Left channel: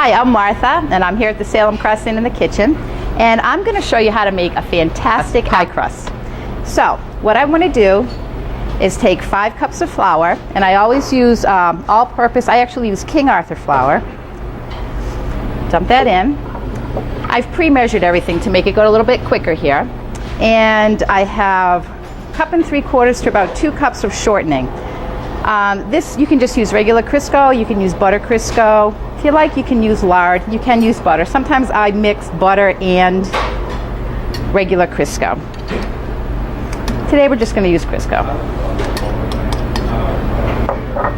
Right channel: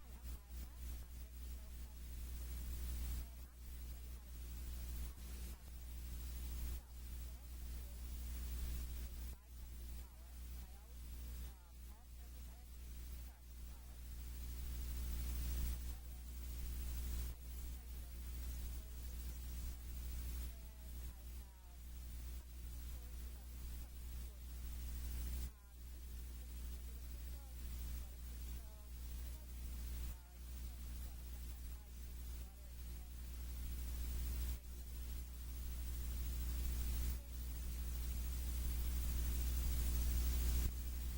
Hi, I'm Martha, and I'm here at the Salem Cross Inn in the kitchen, and I'm going to show you how to make a fantastic pie crust. So, what I want to do is take 5 cups of flour, and I always use all-purpose. I actually use King Arthur flour. Dump that in. I've pre-measured everything to make it go a little bit quicker here, and I have 1 3/4 to about 2 cups of shortening. This, you can just use regular Crisco, you can use butter Crisco. If you like, you can use lard, you can use butter. Sometimes I mix butter and regular Crisco. Today we're just going to use Crisco.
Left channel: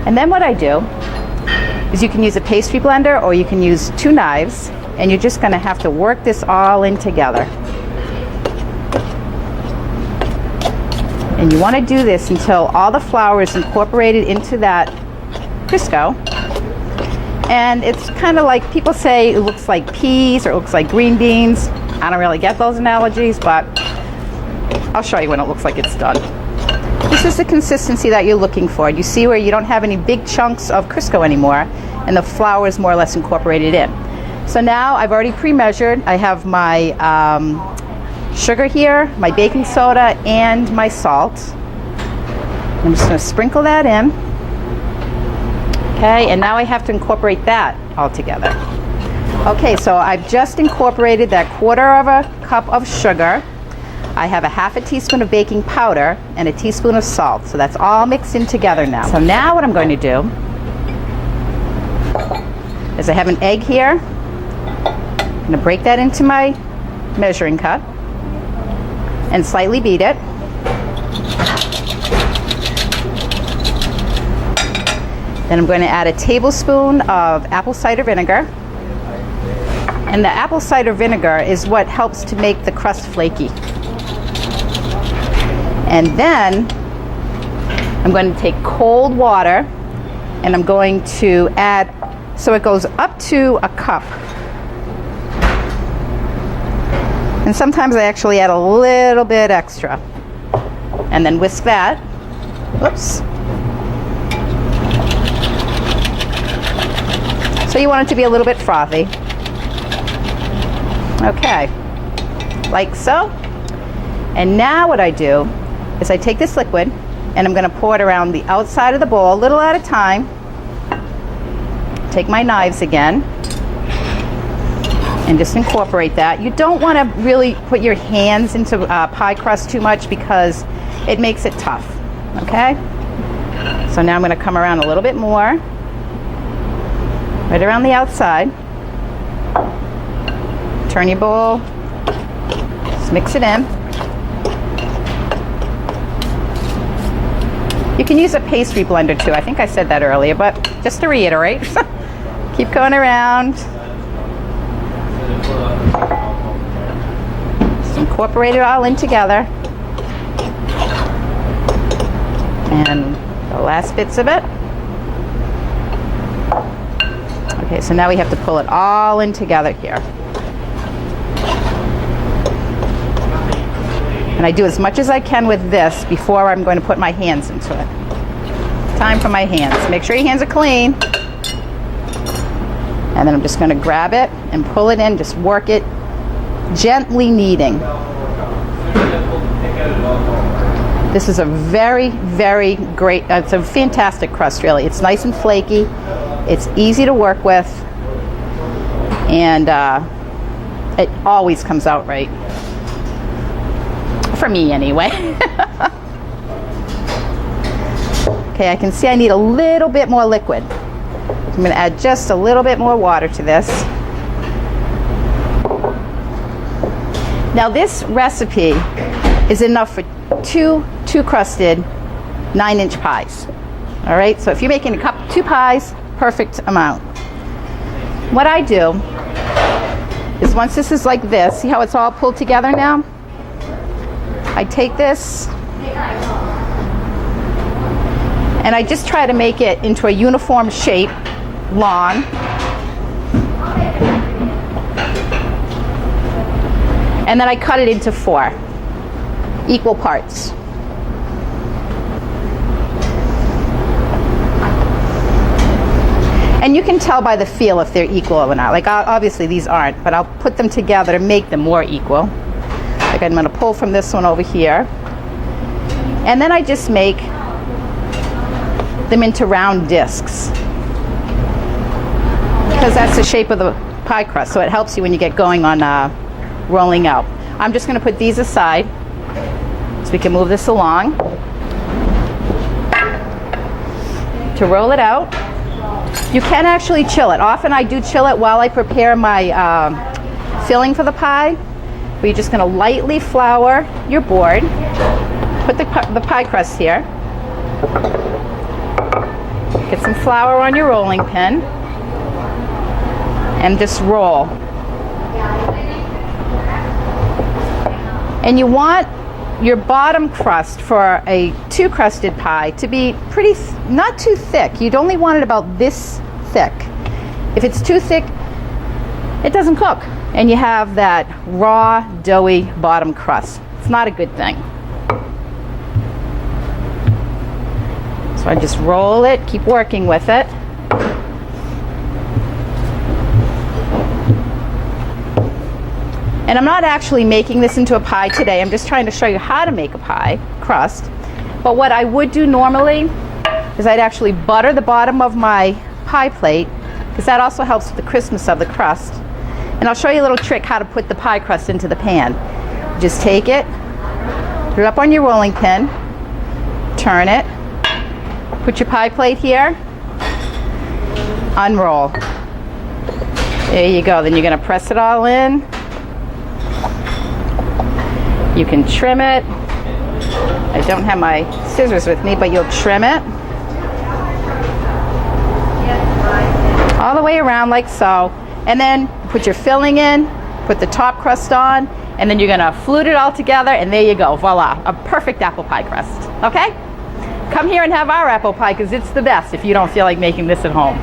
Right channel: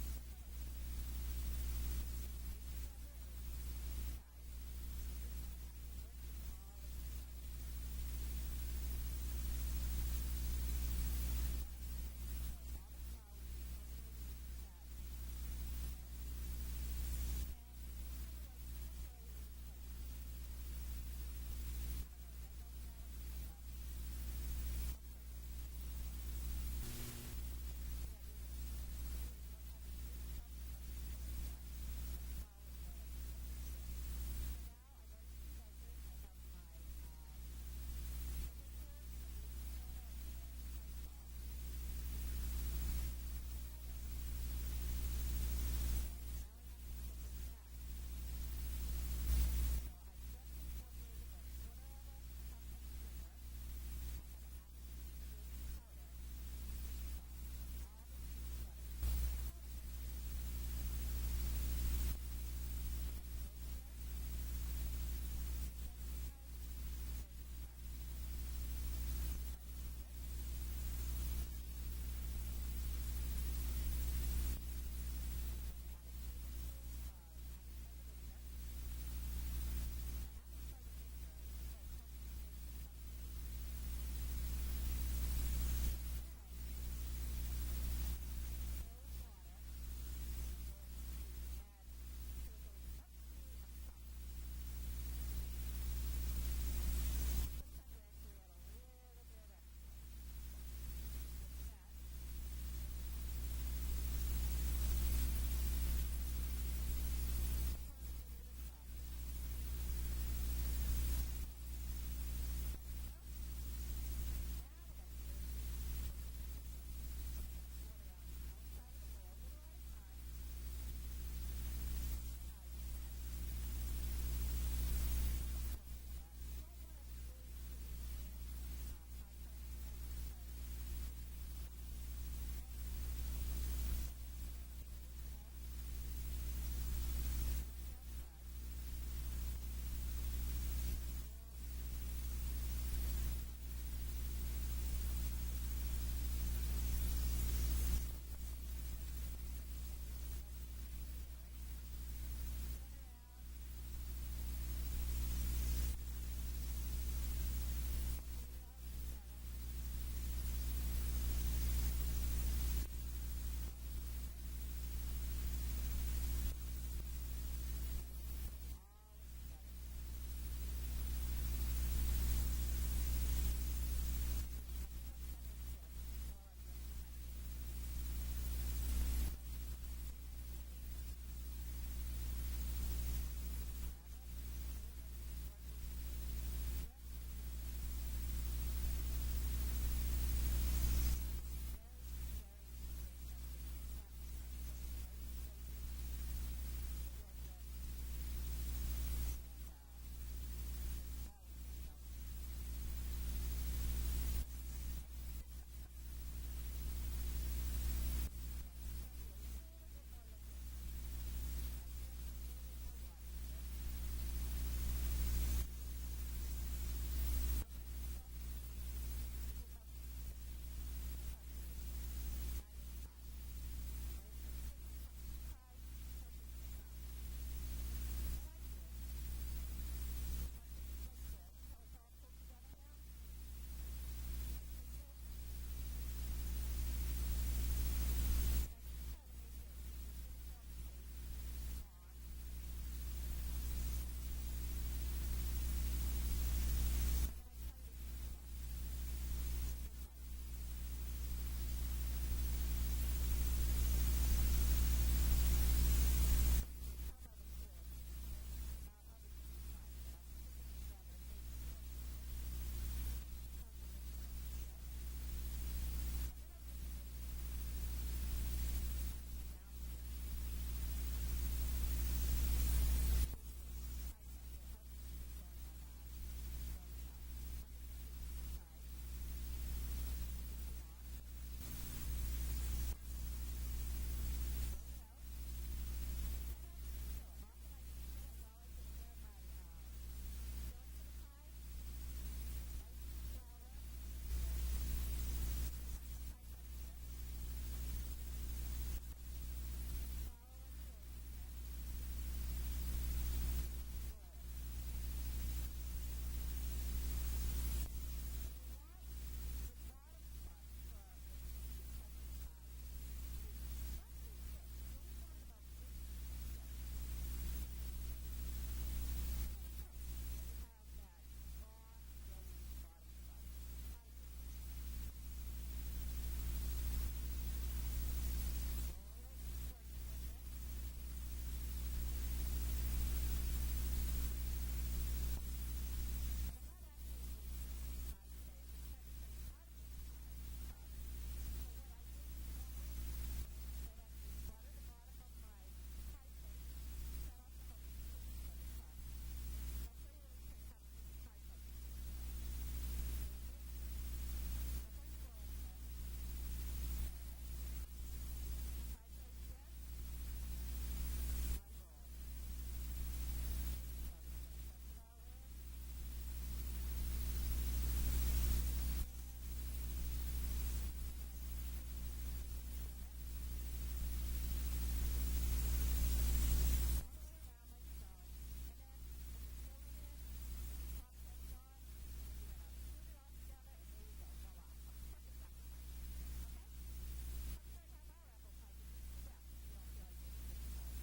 And then what I do is you can use a pastry blender or you can use 2 knives, and you're just going to have to work this all in together. And you want to do this until all the flour is incorporated into that Crisco. And it's kind of like, people say it looks like peas or it looks like green beans. I don't really get those analogies, but I'll show you when it looks like it's done. This is the consistency that you're looking for. You see where you don't have any big chunks of Crisco anymore, and the flour is more or less incorporated in. So now I've already pre-measured. I have my sugar here, my baking soda, and my salt. I'm just going to sprinkle that in. Okay, and now I have to incorporate that all together. Okay, so I've just incorporated that 1/4 cup of sugar. I have a 1/2 teaspoon of baking powder and a teaspoon of salt. So that's all mixed in together now. So now what I'm going to do is I have an egg here. I'm going to break that into my measuring cup and slightly beat it. Then I'm going to add a tablespoon of apple cider vinegar. And the apple cider vinegar is what helps to make the crust flaky. And then I'm going to take cold water and I'm going to add, so it goes up to a cup. And sometimes I actually add a little bit extra. And then whisk that. Whoops. So you want it to be a little bit frothy. Okay, like so. And now what I do is I take this liquid and I'm going to pour it around the outside of the bowl, a little at a time. Take my knives again and just incorporate that. You don't want to really put your hands into pie crust too much because it makes it tough, okay? So now I'm going to come around a little bit more, right around the outside. Turn your bowl, just mix it in. You can use a pastry blender too. I think I said that earlier, but just to reiterate, keep going around. Just incorporate it all in together. And the last bits of it. Okay, so now we have to pull it all in together here. And I do as much as I can with this before I'm going to put my hands into it. Time for my hands. Make sure your hands are clean. And then I'm just going to grab it and pull it in, just work it, gently kneading. This is a very, very great, it's a fantastic crust really. It's nice and flaky. It's easy to work with. And it always comes out right. For me anyway. Okay, I can see I need a little bit more liquid. I'm going to add just a little bit more water to this. Now this recipe is enough for two crusted 9-inch pies. All right, so if you're making 2 pies, perfect amount. What I do is once this is like this, see how it's all pulled together now? I take this and I just try to make it into a uniform shape, long. And then I cut it into 4 equal parts. And you can tell by the feel if they're equal or not. Like obviously these aren't, but I'll put them together to make them more equal. Like I'm going to pull from this one over here. And then I just make them into round discs, because that's the shape of the pie crust, so it helps you when you get going on rolling out. I'm just going to put these aside so we can move this along. To roll it out, you can actually chill it. Often I do chill it while I prepare my filling for the pie. But you're just going to lightly flour your board. Put the pie crust here. Get some flour on your rolling pin. And just roll. And you want your bottom crust for a 2-crusted pie to be pretty, not too thick. You'd only want it about this thick. If it's too thick, it doesn't cook. And you have that raw, doughy bottom crust. It's not a good thing. So I just roll it, keep working with it. And I'm not actually making this into a pie today. I'm just trying to show you how to make a pie crust. But what I would do normally is I'd actually butter the bottom of my pie plate, because that also helps with the crispness of the crust. And I'll show you a little trick how to put the pie crust into the pan. Just take it, put it up on your rolling pin, turn it, put your pie plate here, unroll. There you go. Then you're going to press it all in. You can trim it. I don't have my scissors with me, but you'll trim it all the way around like so. And then put your filling in, put the top crust on, and then you're gonna flute it all together, and there you go, voila, a perfect apple pie crust, okay? Come here and have our apple pie, because it's the best if you don't feel like making this at home.